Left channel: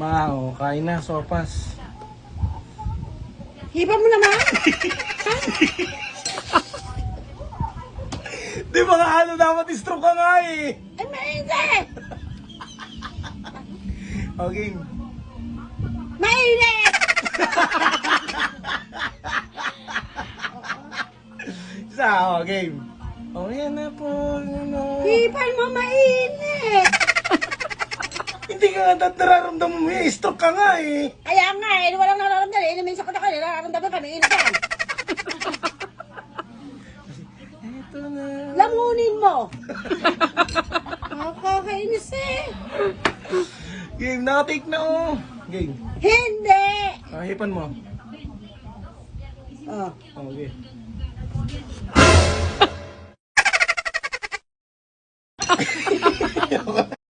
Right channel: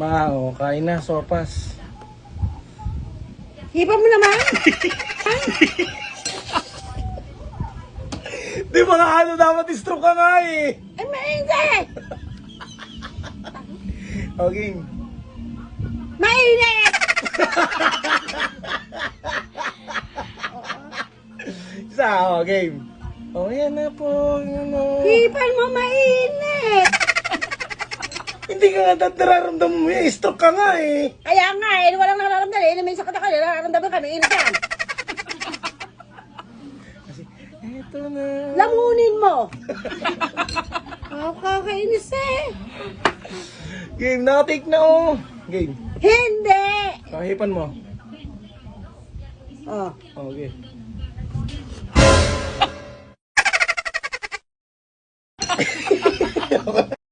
Mao, kain na, sopas. Hiba mo naman. Di ba nga ano, dapat stroke ka nga eh. Ay, mainit. Okay. Mainit. Isa, game. Yan na po, ano. Hiban mo mainit. Hindi ka nga nararamdaman mo eh, stroke ka nga eh. Kaya nga eh, walang nararamdaman eh. Inumin sa kanya, nararamdaman kami. Init yan. Eto na. Lamunin mo. Nakakainis eh. Game, nakatake na oh. Game. Hindi. Kahipan mo. Oh. Okay.